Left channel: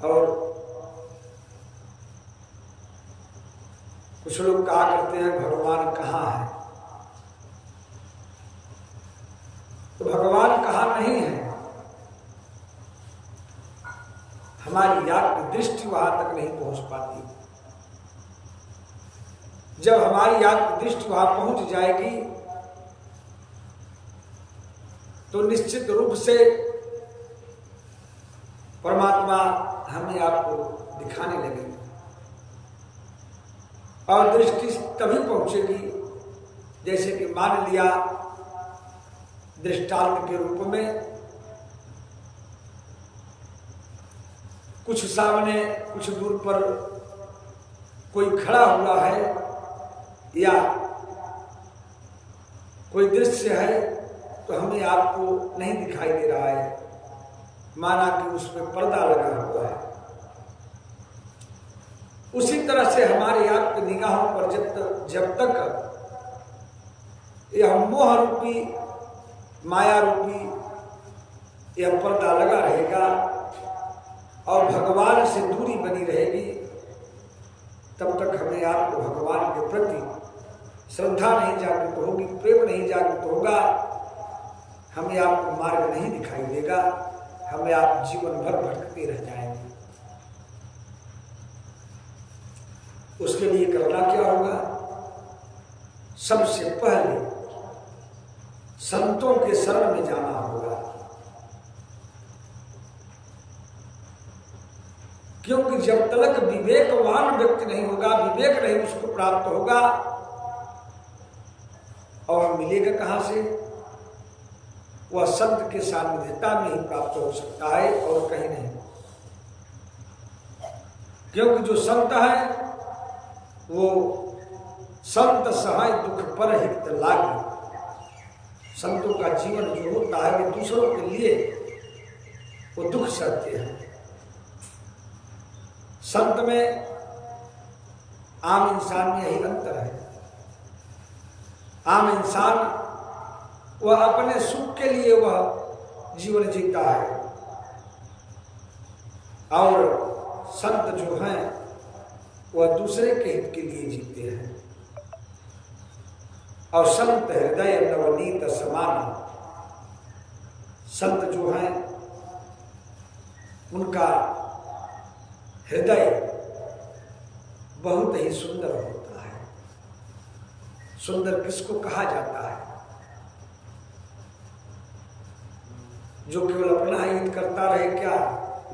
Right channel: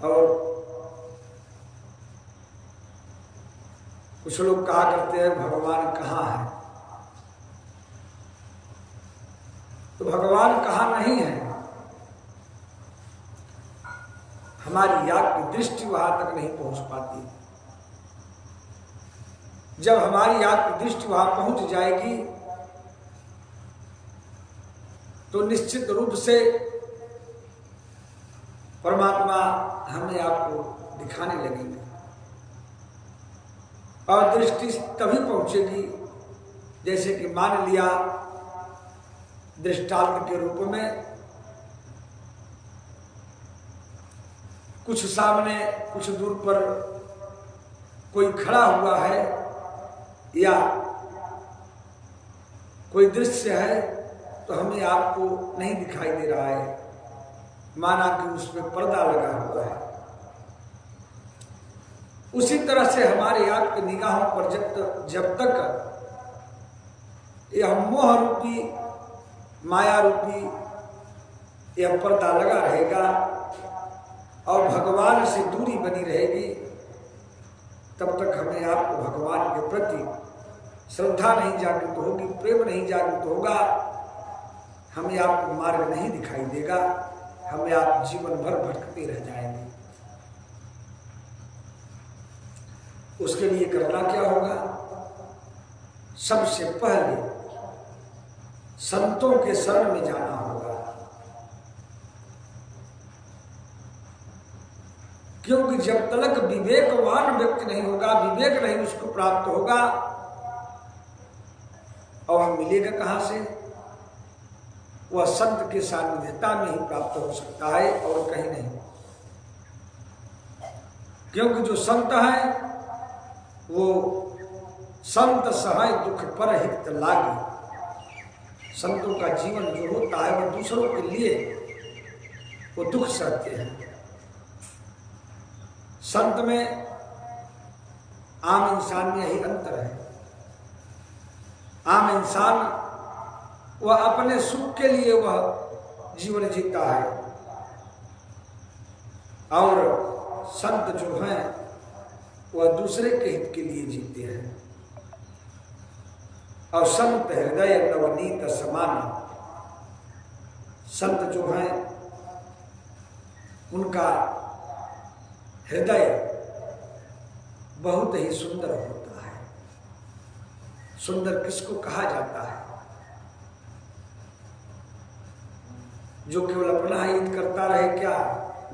और कुछ लोग कहा करते हैं भगवान कहाँ है, तो भगवान कहाँ नहीं है, हमारी याद की दृष्टि वहां तक नहीं पहुंच पाती। जब हमारी याद की दृष्टि वहां पहुंच जाएगी तो निश्चित रूप से परमात्मा हमें आपको दिखाने लगेंगे। और दृष्टि तभी पहुंचेगी जैसे कि मान लिया दृष्टांत के रूप में कुछ सामने कुछ दूर पर कोई खड़ा हुआ है या कोई दृश्य है तो हमें आपको नहीं दिखाई दे रहा है, माना कि उस पर पर्दा लगा हुआ है। उसी तरह से हमारे आपकी निगाहों पर जब तक यह मोह रूपी माया रूपी यह पर्दा लगा रहेगा और भगवान से दूरी बनी रहेगी, तब तक हमें आपको भगवान के प्रति श्रद्धा नहीं जागृत होगी, प्रेम नहीं जागृत होगा, हमें आपको मार्ग नहीं दिखाई देगा, हमें आप जीवन भर भटकते रह जाएंगे। उसके लिए करना क्या होगा? सबसे पहले संतों के शरण में जाना होगा, क्योंकि जब तक विवेकवान व्यक्ति नहीं होगा, विवेक नहीं उसको प्राप्त होगा, और हम मिलेगा कहां से? वह संत के सानिध्यता में ही प्राप्त हो सकता है और कहीं नहीं। क्योंकि जो संत है वो संत सहाय दुख पर हित लागे। संतों का जीवन जो होता है वो दूसरों के लिए वो दुख सहते हैं। संत में आम इंसान में यही अंतर है। आम इंसान वह अपने सुख के लिए वह जीवन जीता है और संत जो हैं वह दूसरे के हित के लिए जीते हैं। और संत हृदय नवनीत समान, संत जो हैं उनका हृदय बहुत ही सुंदर होता है। सुंदर किसको कहा जाता है? जो केवल अपना हित करता रहे क्या?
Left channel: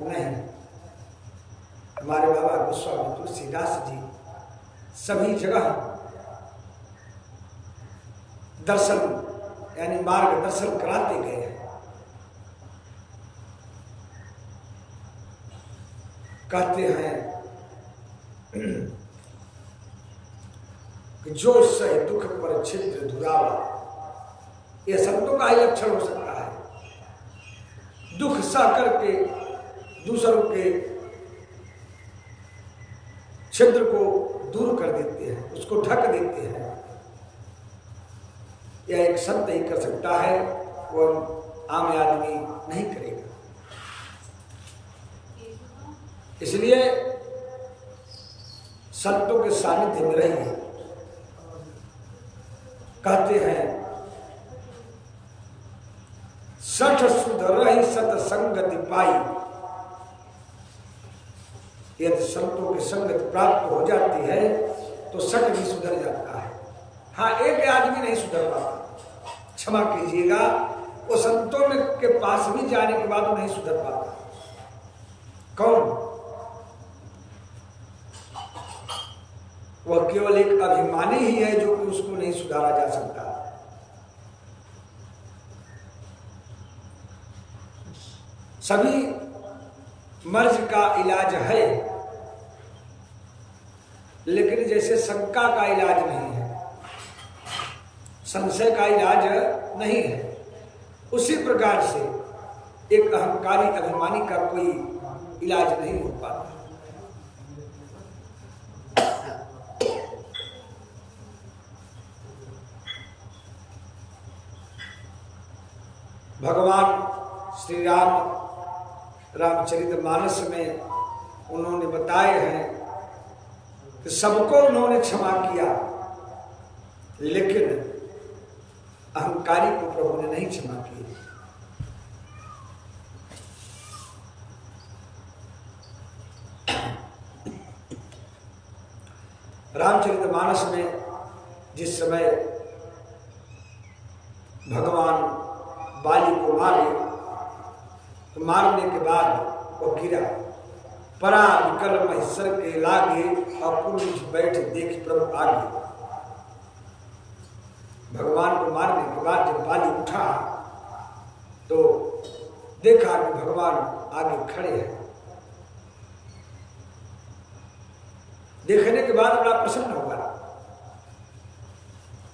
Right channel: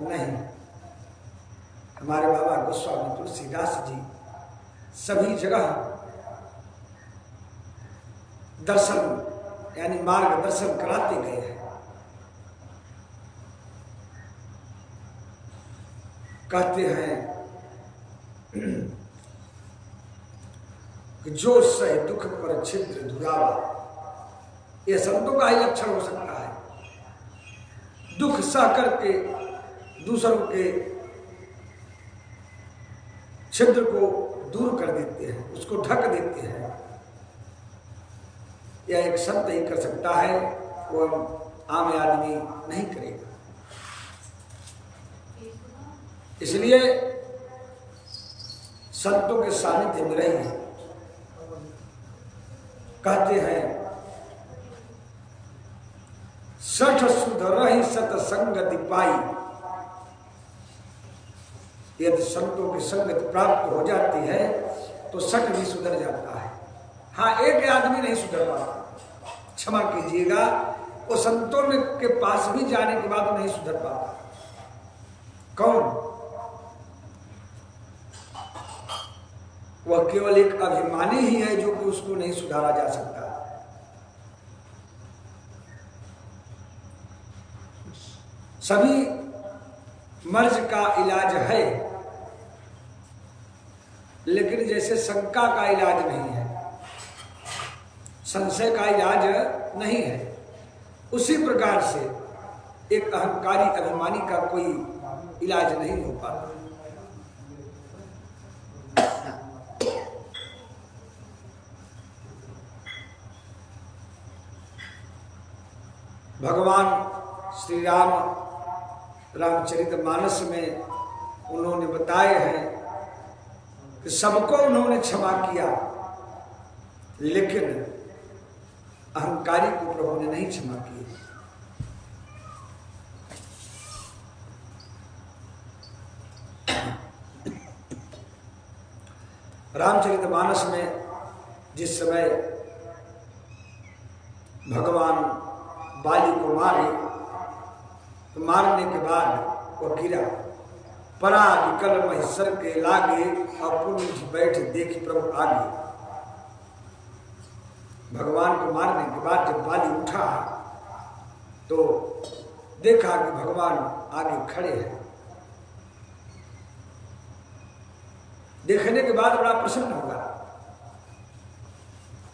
नहीं। हमारे बाबा गोस्वामी तुलसीदास जी सभी जगह दर्शन यानी मार्गदर्शन कराते गए हैं। कहते हैं कि जो सह दुख पर छिद्र दुरावा, यह संतों का ही लक्षण हो सकता है। दुख सह करके दूसरों के छिद्र को दूर कर देते हैं, उसको ढक देते हैं। यह एक संत ही कर सकता है, वो आम आदमी नहीं करेगा। इसलिए संतों के सानिध्य में रहिए। कहते हैं सठ सुध रही सतसंगति पाई। यदि संतों की संगति प्राप्त हो जाती है तो सठ भी सुधर जाता है। हाँ, एक आदमी नहीं सुधर पाता, क्षमा कीजिएगा, वो संतों में के पास भी जाने के बाद वो नहीं सुधर पाता। कौन? वह केवल एक अभिमानी ही है जो कि उसको नहीं सुधारा जा सकता। सभी मर्ज का इलाज है, लेकिन जैसे शंका का इलाज नहीं है, संशय का इलाज नहीं है, उसी प्रकार से एक अहंकारी अभिमानी का कोई इलाज नहीं हो पाता। भगवान श्री राम रामचरितमानस में उन्होंने बताए हैं कि सबको उन्होंने क्षमा किया, लेकिन अहंकारी को प्रभु ने नहीं क्षमा किया। रामचरितमानस में जिस समय भगवान बाली को मारे तो मारने के बाद वो गिरा, परा विकल महिषर के लागे और पुण्य बैठ देख प्रभु आगे। भगवान को मारने के बाद जब बाली उठा तो देखा कि भगवान आगे खड़े हैं। देखने के बाद बड़ा प्रसन्न हुआ,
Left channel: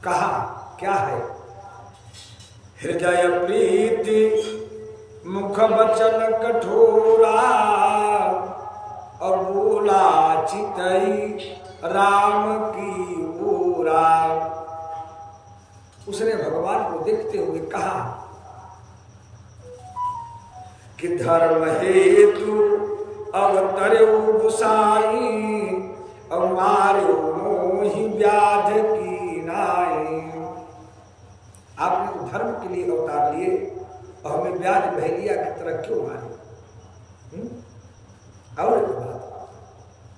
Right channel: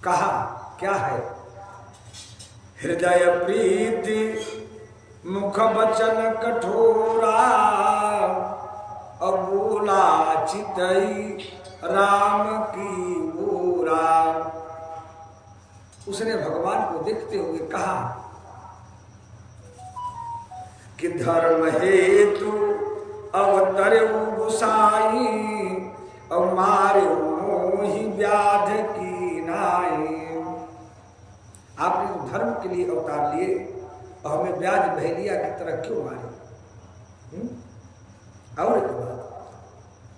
कहा क्या है? हृदय प्रीति मुख वचन कठोरा, और बोला चितई राम की ओरा। उसने भगवान को देखते हुए कहा कि धर्म हेतु अवतर्यो गोसाई, और मार्यो मोहि व्याध की नाई। आपने तो धर्म के लिए अवतार लिए और हमें व्याध बहेलिया की तरह क्यों मारे? और एक बात,